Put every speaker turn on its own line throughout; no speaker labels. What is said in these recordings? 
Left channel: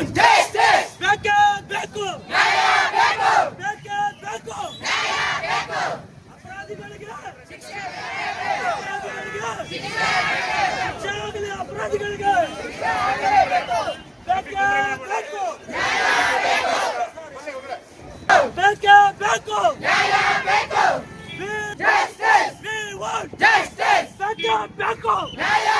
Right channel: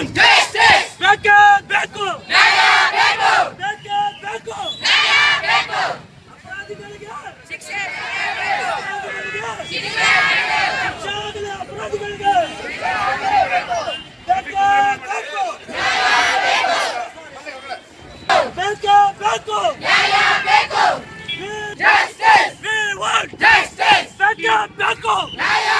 want ಬೇಕೇ ಬೇಕು ಬೇಕೇ ಬೇಕು ಅಪರಾಧಿಗಳಿಗೆ ಶಿಕ್ಷೆ ಆಗಲಿ ಅಪರಾಧಿಗಳಿಗೆ ಬೇಕೇ ಬೇಕು ಬೇಕೇ ಬೇಕು We want ಬೇಕೇ ಬೇಕು ಬೇಕೇ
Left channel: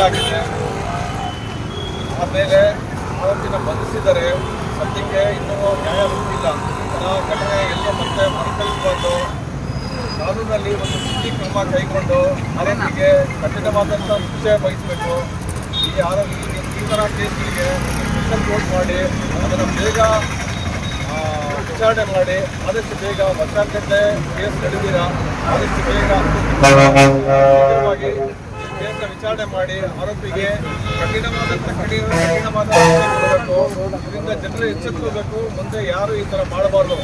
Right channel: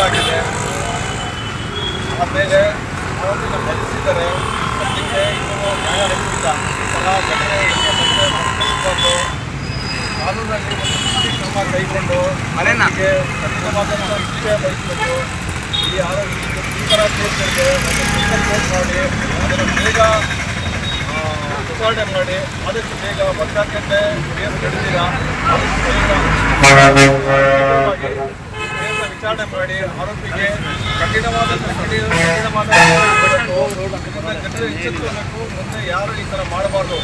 ಆಗಿದೆ ಆಮೇಲೆ ಆರೋಪಿನ ಬಂಧಿಸಿದರೆ ಸದ್ಯಕ್ಕೆ ಇನ್ನೂ ನ್ಯಾಯ ಸಿಕ್ಕಿಲ್ಲ ಎಲ್ಲ ಘಟನೆ ಮತ್ತೆ ಮರುಕಳಿಸಬಾರ್ದು ಕಾನೂನಲ್ಲಿ ಒಂದು ಸ್ಥಿತಿ ಕ್ರಮ ಕೈಗೊಂಡು ಆರೋಪಿಗೆ ಖಚಿತವಾದಂಥ ಶಿಕ್ಷೆ ವಹಿಸಬೇಕು ಈ ಆರೋಗ್ಯ ಈ ಥರ ಕೇಸ್ಗಳಿಗೆ ಒಂದು ಸಿಂಗಲ್ ಕೋರ್ಟ್ ಮಾಡಿ ಅದನ್ನು ಬೇಗ ಆ, ವಿಚಾರಣೆ ಮಾಡಿ ಆದಷ್ಟು ಬೇಗ ಮತಗಟ್ಟೆ ಕೇಸ್ ನಡೆದಿಲ್ಲ ಆದಷ್ಟು ಬೇಗ ವಿಚಾರಣೆ ಮಾಡಿ ಆರೋಪಿಗೆ ಕಠಿಣವಾದ ಕಠಿಣ ಕಠಿಣವಾದ. ಇದರಿಂದ ಜನರು ಎಚ್ಚೆತ್ತುಕೋಬೇಕು ಮುಂದೆ ಯಾರು ಈ ಥರ ಮಾಡಬಾರ್ದು?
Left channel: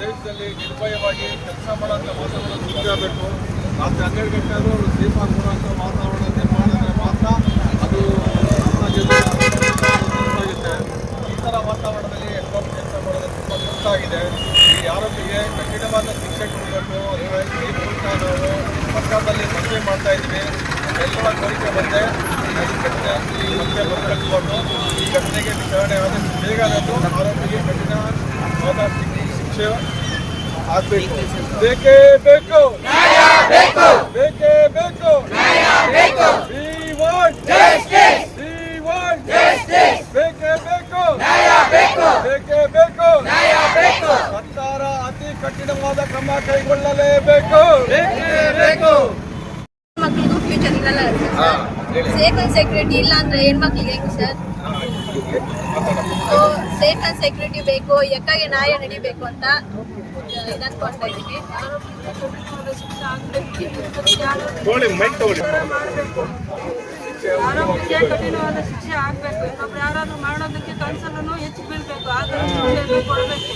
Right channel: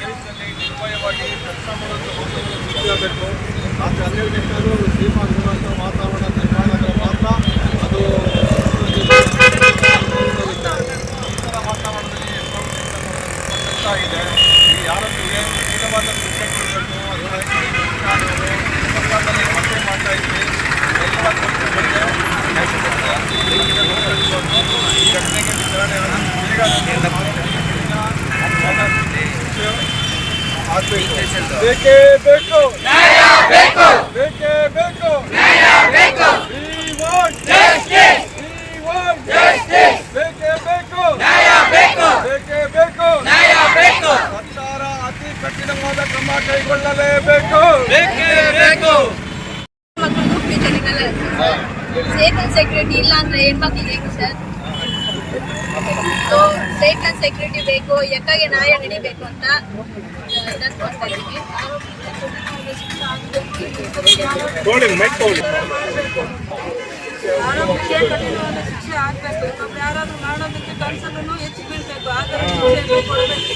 ದೇಶದಲ್ಲಿ ನಿರ್ಭಯವಾಗಿ ಕೆಲಸ ಮಾಡುವಂಥ ವಾತಾವರಣ ಸೃಷ್ಟಿಯಾಗಬೇಕು ರಾತ್ರಿ ಹನ್ನೆರಡು ಗಂಟೆ ವಾತಾವರಣ ನಿರ್ಮಾಣ ಮಾತ್ರ ಅದು ಈ ಥರ ವಾತಾವರಣದಲ್ಲಿ ಹೆಣ್ಮಕ್ಳು ಕೆಲಸ ಮಾಡೋದು ತುಂಬ ಕಷ್ಟ ಆಗಿದೆ ಈ ಆರೋಪಿಗೆ ಕಠಿಣವಾದ ಶಿಕ್ಷೆ ಕೊಡಬೇಕು ಅದಕ್ಕಾಗಿ ನಾವು ಪಕ್ಕದಲ್ಲಿ ಮತ್ತೆ ಮಾಡ್ತಾ ಬೇಕು ಎಲ್ಲ ಕೋರಿಕೆ ಬಂದೆ ಬೇಕು. ಈ ಘಟನೆಗೆ ವಿಚಾರಣೆ ಬೇಗ ಬೇಕೇ ಬೇಕು. ಬೇಕೇ ಬೇಕು ಸರ್ಕಾರ ಅತಿ ಕಠಿಣವಾದ ಕ್ರಮ ಕೈಗೊಳ್ಳಲೇಬೇಕು
ಸೇಫ್ ಅಂಡ್ ಸೆಕ್ಯೂರಿಟಿ ಇಲ್ಲ ಅಂದ್ರೆ ಹೆಣ್ಮಕ್ಳಿಗೆ ಹೇಗೆ sir? So safe and security ಬೇಕು ಎಕ್ಕಾಗೆ ನ್ಯಾಯ ನಡಿಬೇಕು ಅಂತ ಇದನ್ಕೊಳ್ತಾ ಇದ್ದೀನಿ
ಆರೋಪಿಗೆ ಕಠಿಣವಾದ ಶಿಕ್ಷೆ ಆಗ್ಬೇಕು. ಇನ್ನೊಬ್ರು ಯಾರಾದ್ರೂ ಮಾಡೋದಕ್ಕೆ ಕನ್ಸಲ್ಲೂ ಹೆಚ್ಚು ಬೀಳ್ಬೇಕು. ಆಗ ಶಿಕ್ಷೆ ಕೊಡಬೇಕು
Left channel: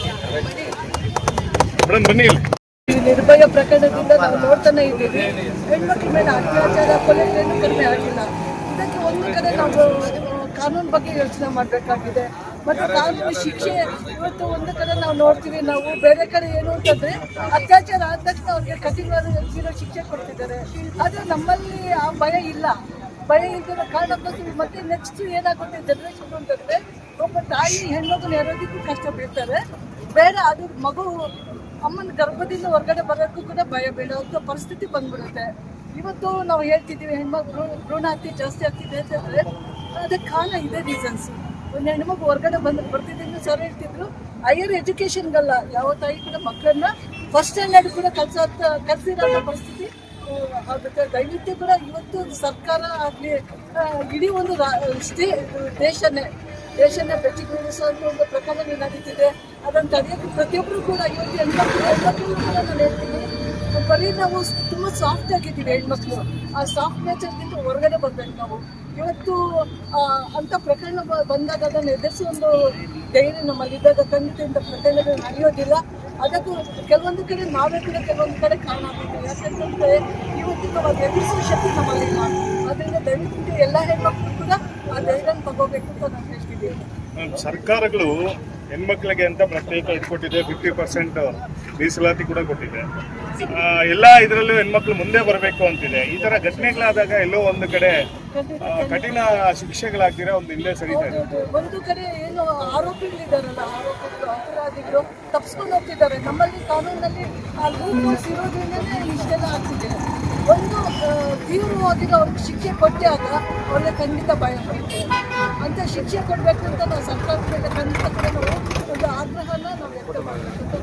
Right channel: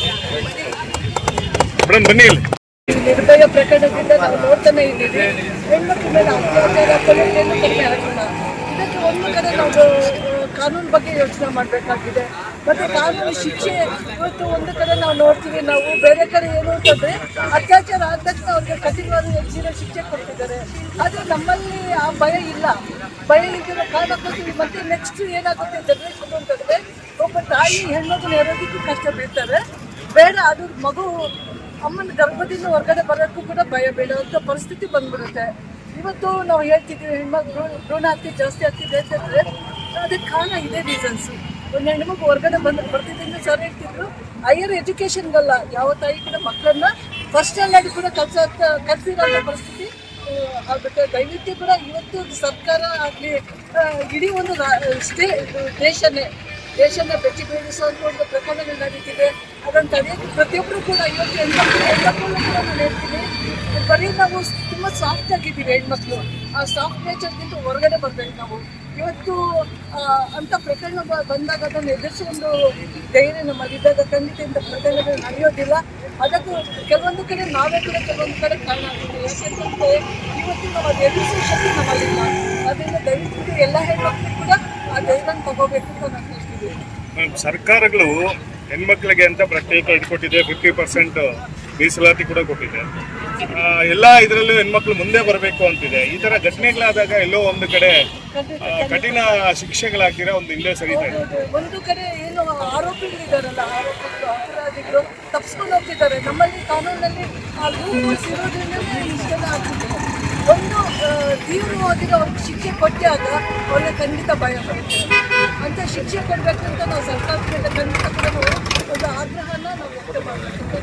ಈ ನಿರ್ಭಯ ಪ್ರಕರಣದಿಂದ ನಾವು ನೋಡ್ತಾನೆ ಇದ್ದೀವಿ. ಹೆಣ್ಮಕ್ಳ ಮೇಲೆ ಅತ್ಯಾಚಾರ ಕೊಲೆಗಳನ್ನು ಕಡಿಮೆ ಆಗಿಲ್ಲ ಇದಕ್ಕೆ ಒಂದು ಕಡೆ ನಾವು ಕಾನೂನು ಬಗ್ಗೆ ಯೋಚನೆ ಮಾಡಬೇಕಾಗಿದೆ. ಮತ್ತು ಕಾನೂನು ಶಿಕ್ಷೆ ಇವತ್ತು ಒಂದು ಕಡೆ ನಾವು ನೋಡ್ತೀವಿ. ನಾವು ಬೇರೆ ಕಡೆ ಏನು ಅಂತಂದ್ರೆ ಅತ್ಯಾಚಾರ ಆದ ತಕ್ಷಣ ಅವ್ರಿಗೆ ಕಠಿಣವಾದ ಜೀವ ಶಿಕ್ಷೆ ಕೊಡ್ತಿದ್ದಾರೆ. ಆದರೆ ನಮ್ಮಲ್ಲಿ ಆ ಭಯ ಇಲ್ಲ. ಭಯ ಇದ್ದಿರೋ ಕಾರಣಕ್ಕೋಸ್ಕರ ಮತ್ತೆ ನೆಕ್ಸ್ಟ್ ಏನಾಗುತ್ತೆ ಜನರೇಷನ್ ಅಂತಂದ್ರೆ ಒಬ್ಬ ತಾಯಿ ಹೆಣ್ಣು ಹೆರೋದಕ್ಕೂ ಕಷ್ಟ ಬೀಳ್ತಾರೆ. ಬೇಡ, ಅದು ಮಗು ಅಮ್ಮನ ಗರ್ಭದಿಂದ ಹೊರಗಡೆ ಬರೋಕ್ಕೂ ಕೂಡ ಭಯ ಬೀಳುವಂಥ ಪರಿಸ್ಥಿತಿ ಬಂದ್ಬಿಡುತ್ತೆ. ಇವತ್ತು ನಾವು ಹೇಳ್ತಿದ್ದೀವಿ, ಹೆಣ್ಮಕ್ಳು ಭ್ರೂಣ ಹಾಕಿ ಜಾಸ್ತಿ ಆಗ್ತಿದೆ ಅಂತಂದರೆ ಅದಕ್ಕೆ ಕಾರಣ ಇದೇ ರೀಸನ್ಸ್ ಒಂದು ಹೆಣ್ಮಗು ಹೊರಗಡೆ ಬಂದು ಬರ್ತಿದ್ದೀನಿ ಸರ್ ಹೇಳ್ತಿದ್ರು. ಹೈಯರ್ ಎಜುಕೇಷನ್ಗಲ್ಲ ಯಾವ ತಾಯಿ ಕೂಡ ಮಕ್ಕಳನ್ನ ಫಸ್ಟ್ ಸ್ಟ್ಯಾಂಡರ್ಡ್ ಕೂಡ ಕಲ್ಸ ಕಲ್ಸಿರೋ ಪರಿಸ್ಥಿತಿ ಆಗುತ್ತೆ ದಯವಿಟ್ಟು ಕೂಡ ಇವತ್ತು ಸರ್ಕಾರ ಆಗಲಿ ಇಡೀ ಒಂದು ಸ್ಟೇ ದೇಶನೇ, ದೇಶನ ಬೆಚ್ಚಿ ಬೀಳಿಸುವಂಥ ಒಂದು ಪ್ರಕರಣ ನಡೀತಿದೆ. ಅದನ್ನು ತಡೆಯೋಕ್ಕೆ ಪ್ರತಿಯೊಬ್ಬರು ಕೂಡ ಇವತ್ತು ಹೆಣ್ಮಕ್ಳು ಹೆಣ್ಮಕ್ಳು ಕೂಡ ನಾನು ಹೇಳ್ತೀನಿ, ಬರೀ ನಾವು ತುಂಬ ಸಾಫ್ಟ್ ಆಗಿದ್ದೀವಿ ಹೆಣ್ಮಕ್ಳು. ಆ ಸಾಫ್ಟ್ ನೇಚರ್ಗಿಂತ ಹೊರಗಡೆ ಬರ್ಬೇಕು ನಾವು. ಇವತ್ತು ಅಂತ ಪ್ರಕರಣ ಬಂದಾಗ ಅದನ್ನು ಎದುರಿಸೋ ಒಂದು ಧೈರ್ಯ ನಮ್ಮಲ್ಲಿದ್ದಾಗ ಖಂಡಿತ ಪ್ರಕರಣಗಳು ನಡೆಯೋದಿಲ್ಲ. ಅದಕ್ಕೂ ಕೆಲವೊಂದು ಕಡೆ ನಾವೇ ಕೂಡ ಕೆಲವೊಂದು ಕಡೆ ಕಾರಣ ಆಗ್ತೀವಿ ಯಾಕೆಂತಂದ್ರೆ ಇವತ್ತು ನಾವು ಅದು ಎದುರಿಸೋ ಶಕ್ತಿ ನಮ್ಮಲ್ಲಿಲ್ಲ. ಅದರಿಂದ ದಯವಿಟ್ಟು ಎಲ್ಲ ಹೆಣ್ಮಕ್ಳು ಕೂಡ ಆ ಧೈರ್ಯನ ತಗೋಬೇಕು ಅಂತ ನಾನು ಹೇಳ್ತಿದ್ದೀನಿ
ಸರ್ಕಾರಗಳು ಹೆಣ್ಮಕ್ಳಿಗೆ ಅಂತ ಪ್ರತ್ಯೇಕ ಇಟ್ಕೊಟ್ಟಿದೆ ಫಿಫ್ಟಿ ಪರ್ಸೆಂಟ್ ಮೀಸಲಾತಿ ಕೂಡ ಕೊಟ್ಟಿದೆ ಎಲ್ಲ ಇದರಲ್ಲೂ ಹೆಣ್ಮಕ್ಳು ಮುಂದೆ ಬರಬೇಕು ಅಂತಿದೆ. ಈ ತರ ಘಟನೆಗಳಾದಾಗ ಎಲ್ಲೋ ಒಂದು ಕಡೆ ಕಠಿಣ ಶಿಕ್ಷೆಗಳಾಗ್ತೀರ ಒಂದು ಹಿಂದೆ ಸರಿತಾ ಇದೆ.
ಒಂದು ಕಡೆ ಏನು ಆರೋಪಿಗಳಿದಾರಲ್ಲ, ಆರೋಪಿಗಳು ಅಪರಾಧಿಗಳು ತಪ್ಪಿಸ್ಕೊಂಡು ಹೋಗ್ತಿದ್ದಾರೆ ನಮ್ಮಲ್ಲಿ ಕಾನೂನಲ್ಲಿ ಇರೋದ್ರಿಂದಲೇ ಇಷ್ಟೆಲ್ಲ ಆಗ್ತಿದೆ. ಒಂದು ಆ, ತೀವ್ರವಾಗಿರೋ ಅವ್ರಿಗೆ ಶಿಕ್ಷೆ ಆಗ ಒಳ್ಳೆ ಖಂಡಿತ ಭಯ ಅಂತ ಶಿಕ್ಷೆ ಕೊಡಬೇಕು ಅಂತ ನಾವು ಸರ್ಕಾರದ ಮೇಲೆ ಖಂಡಿತ ಕೂಡ ನಾವು ಒಂದು ಆಗ್ರಹನ ನಾವು ವ್ಯಕ್ತ ಮಾಡಬೇಕು